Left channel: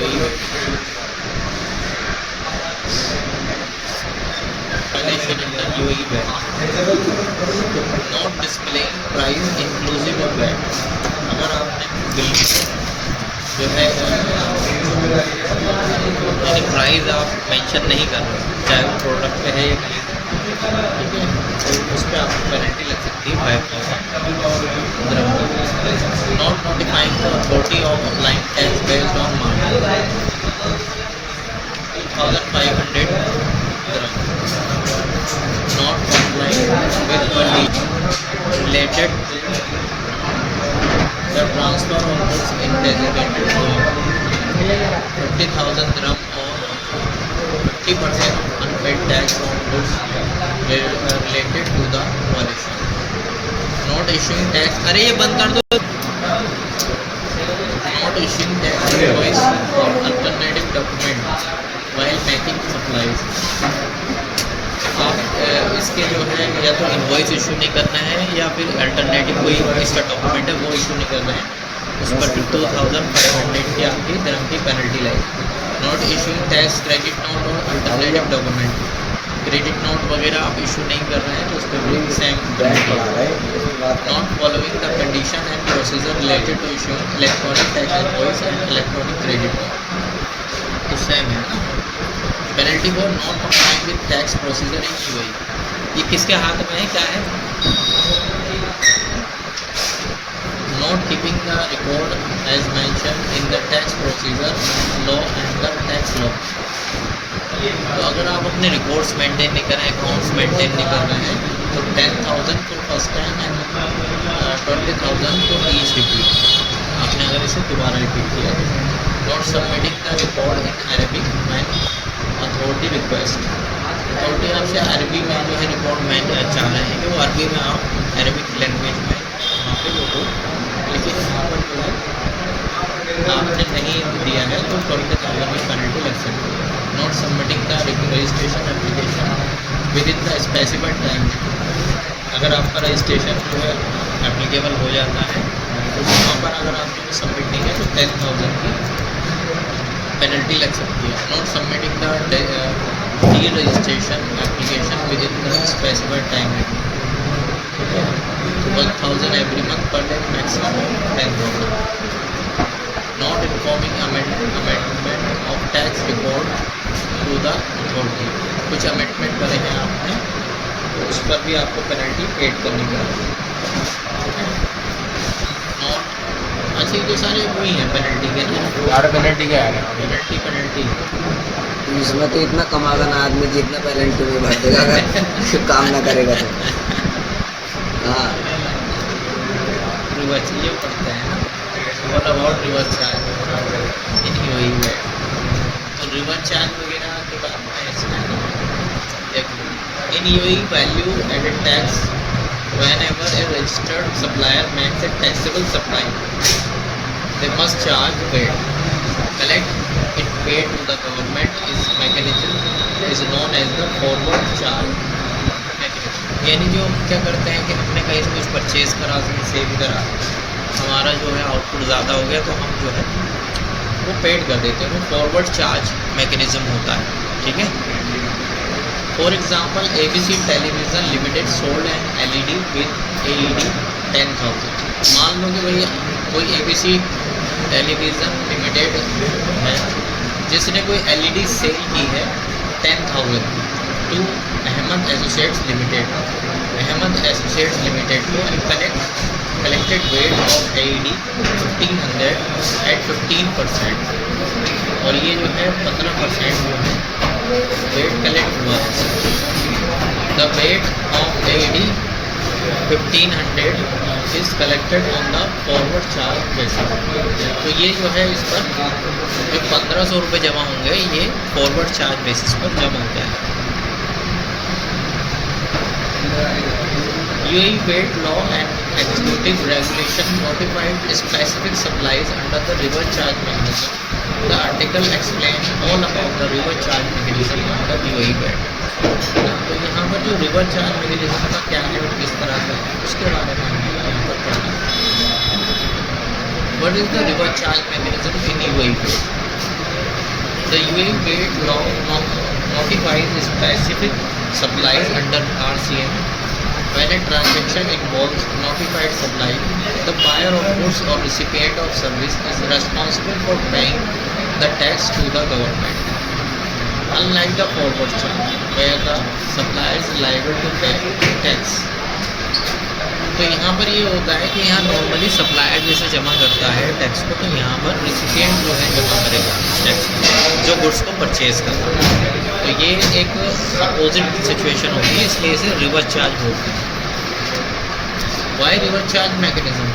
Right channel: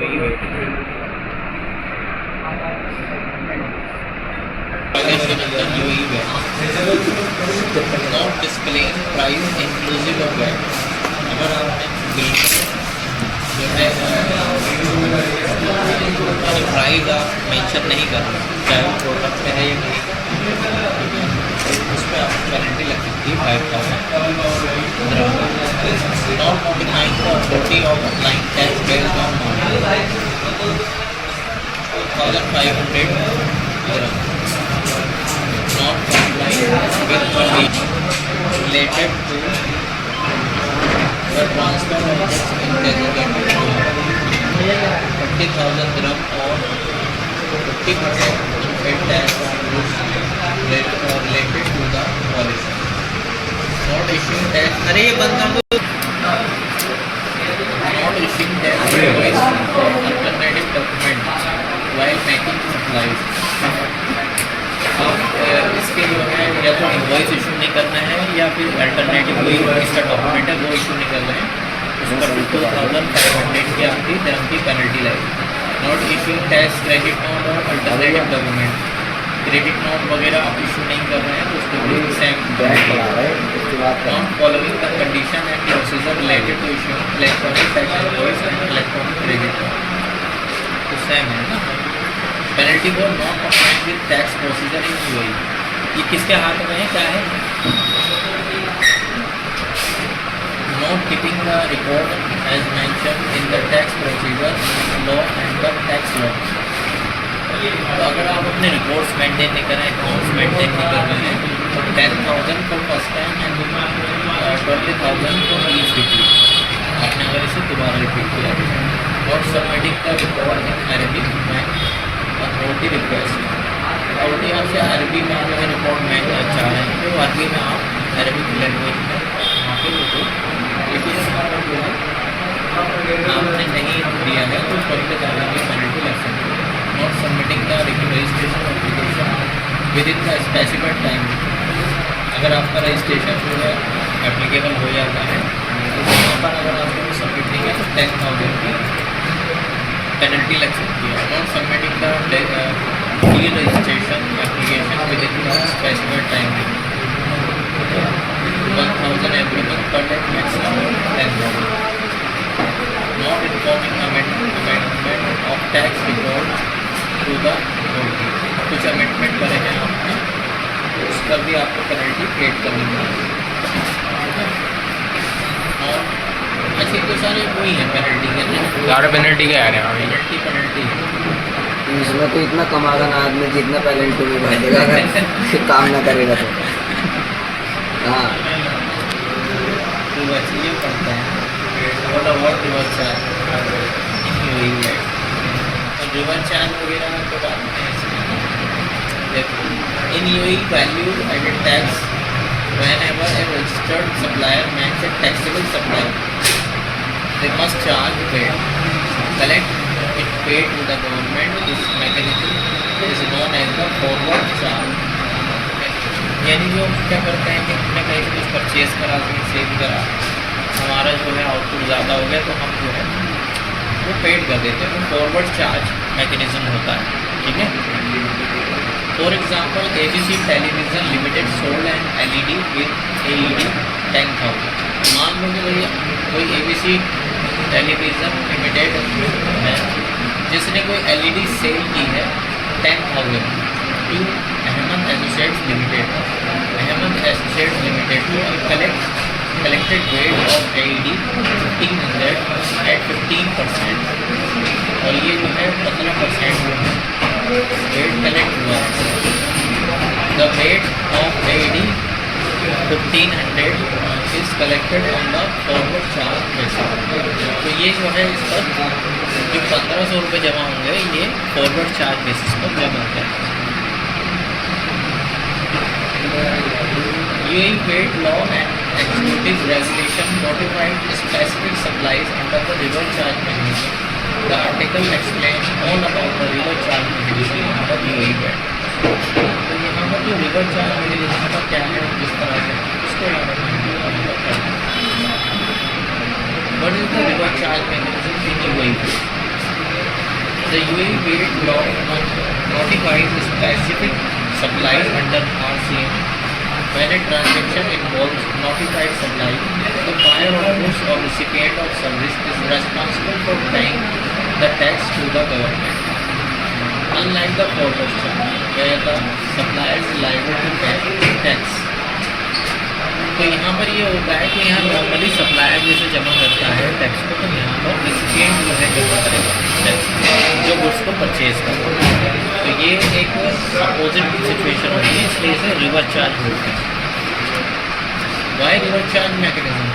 वही है। UAE not display price inclusive of VAT. अगर आपने जो है मैंने प्राइस आप मेंशन नहीं कर रहे, चाहे वो प्रोडक्ट पे है या नहीं, उस पर आप गारंटी लग सकती है 5,000। Not defined the authority of applying tax based on 2,500 not complying with condition related to the transfer of its indesignated amount, 50,000 dirham or 50% unpaid tax related to the policy. Not issuing tax. अरे ये बंद कर दो. Not issuing tax invoice or alternative document while making supplies. इसके जो है या तो इनवॉइस इशू नहीं करना है या फिर अल्टरनेटिव कोई इसका डॉक्यूमेंट है वो इशू नहीं करना है, उस पर 2,500 की आपकी धर्म की पेनल्टी लगेगी। Not issuing tax credit note और अल्टरनेटिव डॉक्यूमेंट, क्रेडिट नोट वगैरह आप इशू नहीं कर रहे हैं तो उसको भी सेम पेनल्टी लगेगी। Not following the condition and procedure related to issuing electronic tax invoice and electronic credit note, तो सेम है penalty for not complying with tax procedure in UAE। ये किसके हाथ में है, क्या है? Not keeping the record as mention in the tax procedure law under tax law. तो अगर आप अपने रिकॉर्ड्स मेंटेन नहीं करें, अकाउंट्स मेंटेन नहीं कर रहे हैं तो 10,000 को फर्स्ट टाइम एंड 20,000 को ईच रिपीट, आपने अगर इसे दोबारा रिपीट किया। Not submitting the record in Arabic and authority request, authority आपसे अरबी का जो है रिकॉर्ड मांगना चाह रहे हैं तो अरबी में आप अरबिक लैंग्वेज में आपके लोगों, लेकिन आपने नहीं दिया है तो 20,000 की पेनल्टी लग सकती है। Not submitting the registration application with in the specified time, अगर आपका रजिस्ट्रेशन जो है एप्लीकेबल हो जाता है तो वहाँ पर अगर आपने सबमिट नहीं किया तो 10,000 की पेनल्टी लग सकती है। Not submitting the registration application within the specified time, 1,000 every month per month, maximum 10,000. Not informing amendment of tax record to the authority, कुछ अमेंडमेंट करे हैं आपने तो उस पर भी आपको पेनल्टी पेड करनी पड़ेगी। और ऐसे तो सारे वही हैं पेनल्टी के, सारे पेनल्टी के आ रहे हैं। पेनल्टी इसमें तो इतना कमागा ना आदमी जितना पेनल्टी में भर देगा अगर काम ना करेगा तो। हाँ ये पड़ता है रिवर्स चार्ज वगैरह तो बात in UAE value added tax whenever a registered supplier makes a taxable supply they must charge paid collect it paid to the government is mechanism is known as the forward charge mechanism। यानी जो क्या करते हैं कि हमने कहीं से कुछ परचेज करा, सेल करा, हमारा जो है आउटपुट ज़्यादा हो गया तो हम जो है वो पेड कर देते हैं, वो फॉरवर्ड चार्ज मैकेनिज्म होता है। ठीक है, for example ABC television limited sold N LED with AED 10,000। मान लो कि कोई ABC टेलीविज़न लिमिटेड है जिसने कोई LED सेल की है 10,000 to Ahmed associates limited. Ahmed associates limited को collected weight of AED 1,500 at 15% और ये जो है 15% weight collect हुआ। The weight of AED 1,500 is collected on the forward charge basis। तो ये जो है इस पर जो 1,500 रुपये जमा होंगे ये फॉरवर्ड चार्ज बेसिस पर जमा होता है। UAE weight law and executive regulation notified specific supplies under the river charge mechanism। The article explains all about the river charge mechanism under UAE weight। तो यहाँ पर जो रिवर चार्ज मेकेनिज्म का क्या है, किस तरह से उसको यहाँ पर What is the river charge mechanism in UAE? The UAE weight law notifies specific supplies under RCM. When a transaction involves notified supply, the buyer of goods or recipient of service is responsible for paying the tax to the government. Unlike the forward chain, where the supplier is liable to pay tax. तो यहाँ पर ये होता है कि यहाँ normally supplier जैसे जमा करता है टैक्स को, तो यहाँ पर रिसिपिएंट जो है जमा करेगा टैक्स जो गुड्स को परचेज करता है। तो ये एक अपोजिट सिचुएशन होगी, इसलिए इसे रिवर्स चार्ज होगी। वाई रिवर्स चार्ज मैकेनिज्म,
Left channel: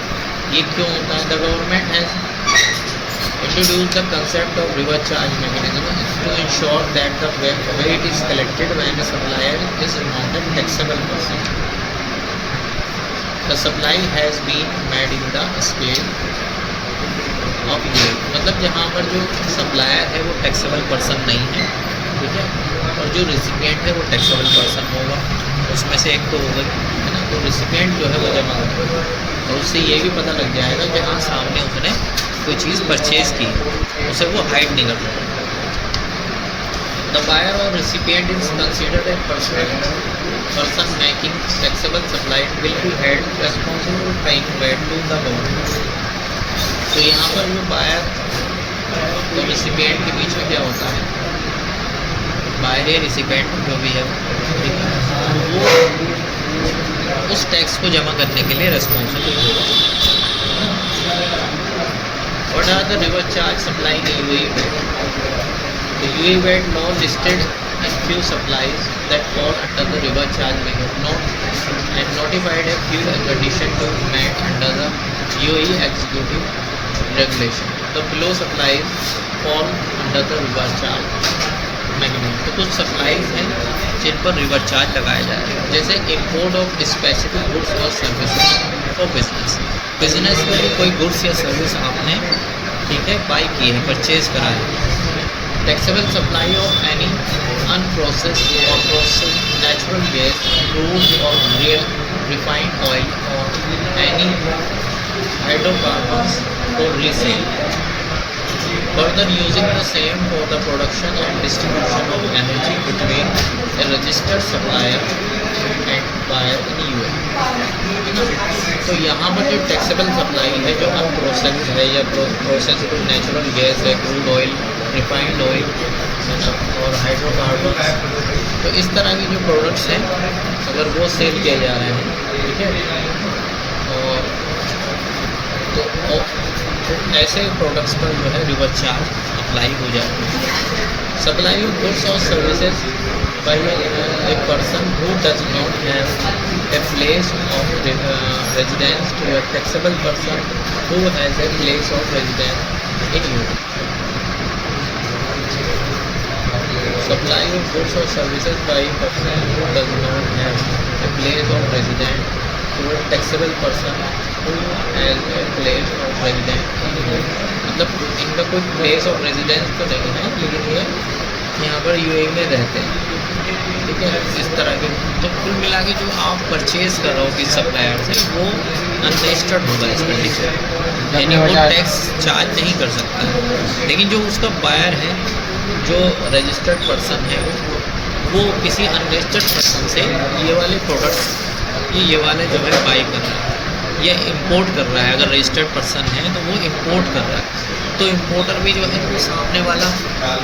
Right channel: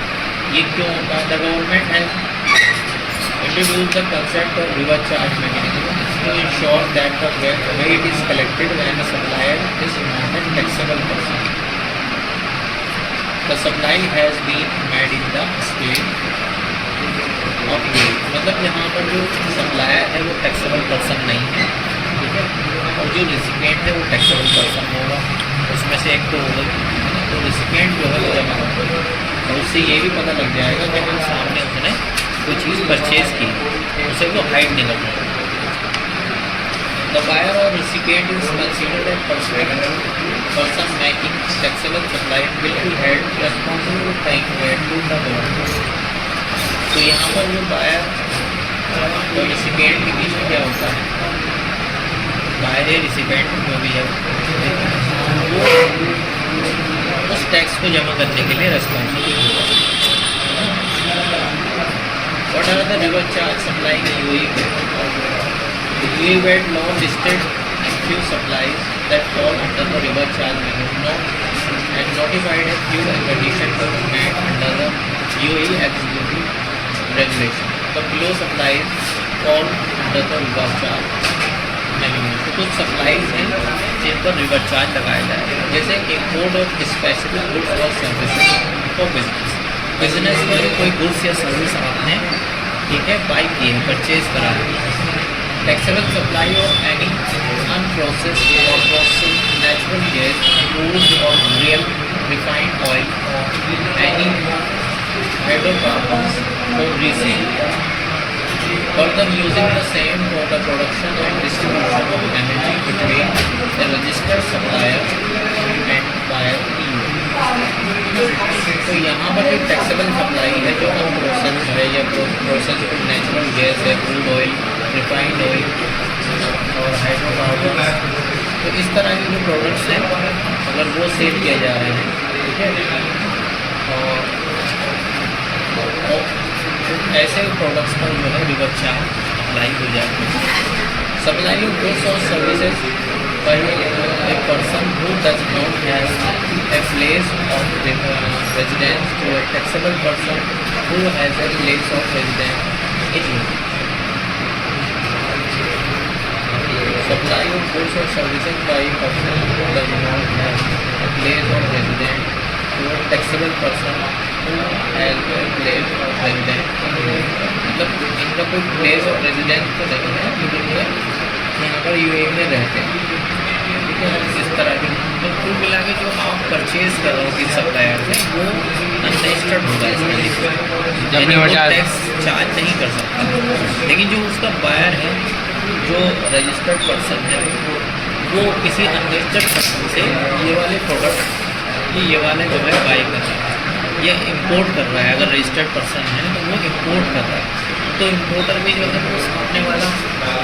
ये क्यों होता है? The government has introduce the concept of reverse charge mechanism to ensure that the VAT is collected when the supplier is not an taxable person. The supply has been made in the state of UAE, मतलब यहाँ पर जो supplier है वो taxable person नहीं है, ठीक है, और जो रिसिपिएंट है वो टैक्सेबल पर्सन होगा, उसमें से एक तो होगा। तो रिसिपिएंट जो है वो जमा होगा, और उससे ये भी पता लग जाएगा कि हम सामने उसने कोई चीज़ परचेज की, उसे वो हाइड नहीं कर रहा। The buyer or recipient is considered a person making taxable supply will be held responsible for paying VAT to the government. तो यहाँ पर वो बायर और रिसिपिएंट के बीच में क्या होता है? बायर या रिसिपिएंट जो भी है वो उस टैक्स को जमा करने के लिए रेस्पॉन्सिबल होगा। What are the reverse charge supply in UAE? The UAE VAT law listed a few supplies that fall under the reverse charge mechanism and notified a few in addition to that under the UAE executive regulation. The below supplies fall under the reverse charge mechanism. तो कुछ supplies हैं जिन पर reverse charge लगाया जाएगा, जैसे import of specific goods और services for business. Business में कोई गुड्स या सर्विस आपने, ठीक है, बाई की है, परचेज करा है। Taxable supply of any unprocessed or processed natural gas, crude or real refined oil, or any hydrocarbons for resale. Further, using the same for the production and distribution of energy between the registered supplier and buyer in UAE. तो यहाँ पर जो taxable supply है जो unprocessed है या processed natural gas है, crude oil, refined oil और हाइड्रोकार्बन, तो इस तरह के जो प्रोडक्ट्स हैं अगर वो सेल किया जा रहे हैं, ठीक है, तो ऐसे प्रोडक्ट्स पर जो है रिवर्स चार्ज अप्लाई हो जाती है। सप्लाइंग गुड्स और services by a person who does not have a place of residence to a taxable person who has a place of residence in UAE. Supply of goods or services by a person who does not have a place of residence to a taxable person who has a place of residence in UAE. मतलब इनका कोई place of residence तो नहीं है, लेकिन ये यहाँ पर UAE में रहते हैं, ठीक है। इस तरह के तो कुल मिला के जो आप परचेज कर रहे हो किस सप्लायर से वो अनरजिस्टर्ड होगा, इसमें लिखा है, यानी वो टैक्स चार्ज नहीं कर सकता। लेकिन जो उसका बायर है, जो रजिस्टर्ड पर्सन है, वो किसी अनरजिस्टर्ड पर्सन से ये वाले प्रोडक्ट ये वाले जो है बाई कर रहा है या इम्पोर्ट कर रहा है। अगर रजिस्टर्ड पर्सन है तो वो इम्पोर्ट कर रहा है, तो इम्पोर्टर भी जो है वो सामने वाला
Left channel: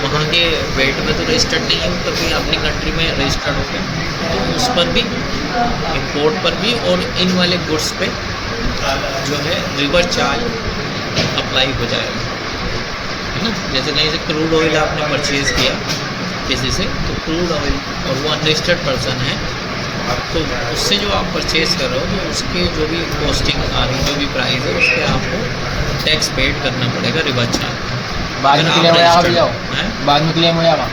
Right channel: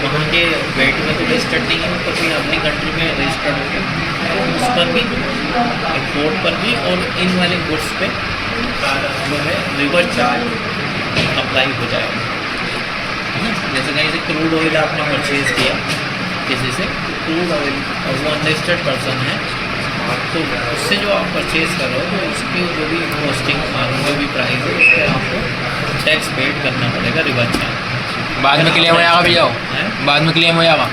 वहाँ के वेट में तो रजिस्टर्ड नहीं है, तो कोई अपनी कंट्री में रजिस्टर्ड हो गया, तो उस पर भी, इम्पोर्ट पर भी और इन वाले गुड्स पे जो है रिवर्स चार्ज अप्लाई हो जाएगा। जैसे कहीं से क्रूड ऑयल आपने परचेज़ किया किसी से, तो क्रूड ऑयल और वो अनरजिस्टर्ड पर्सन है, तो उससे जो आप परचेज़ कर रहे हो तो उसके जो भी कॉस्टिंग जो भी प्राइस है उस पर आपको टैक्स पेड करना पड़ेगा, रिवर्स चार्ज। बाद में क्लेम हो जाएगा भैया, बाद में क्लेम हो जाएगा।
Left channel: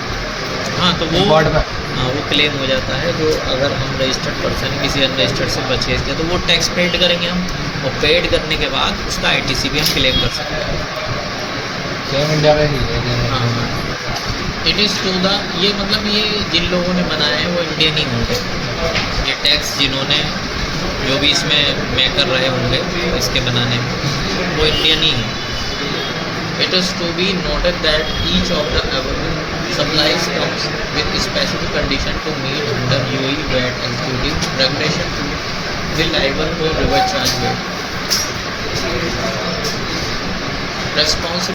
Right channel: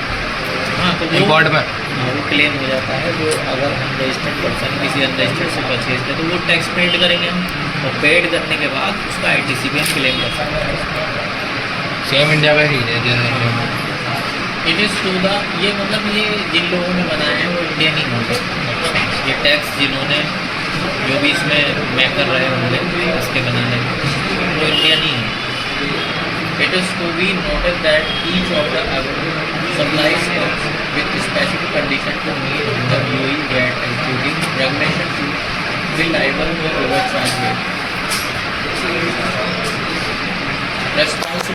हाँ, तो वो इम्पोर्ट में वो क्लेम हो जाता है। जो अगर हम रजिस्टर्ड पर्सन किसी अनरजिस्टर्ड से परचेज करें तो वो टैक्स पेड करेंगे हम, और पेड करने के बाद उसका ITC भी हम क्लेम कर सकते हैं। सेम इंडिया का ही है। इट इज़ टू द, ये मतलब ये जिन लोगों ने बनाया है वो इंडियन ही होंगे। ये टैक्स जिन्होंने जो भी इसमें मैं कर रहे होंगे इसके बनाने में वो इंडियन ही है। It is to be noted that each of the supplies comes with specific condition to meet the UE VAT, including regulation to be liable to overcharge VAT. Responsible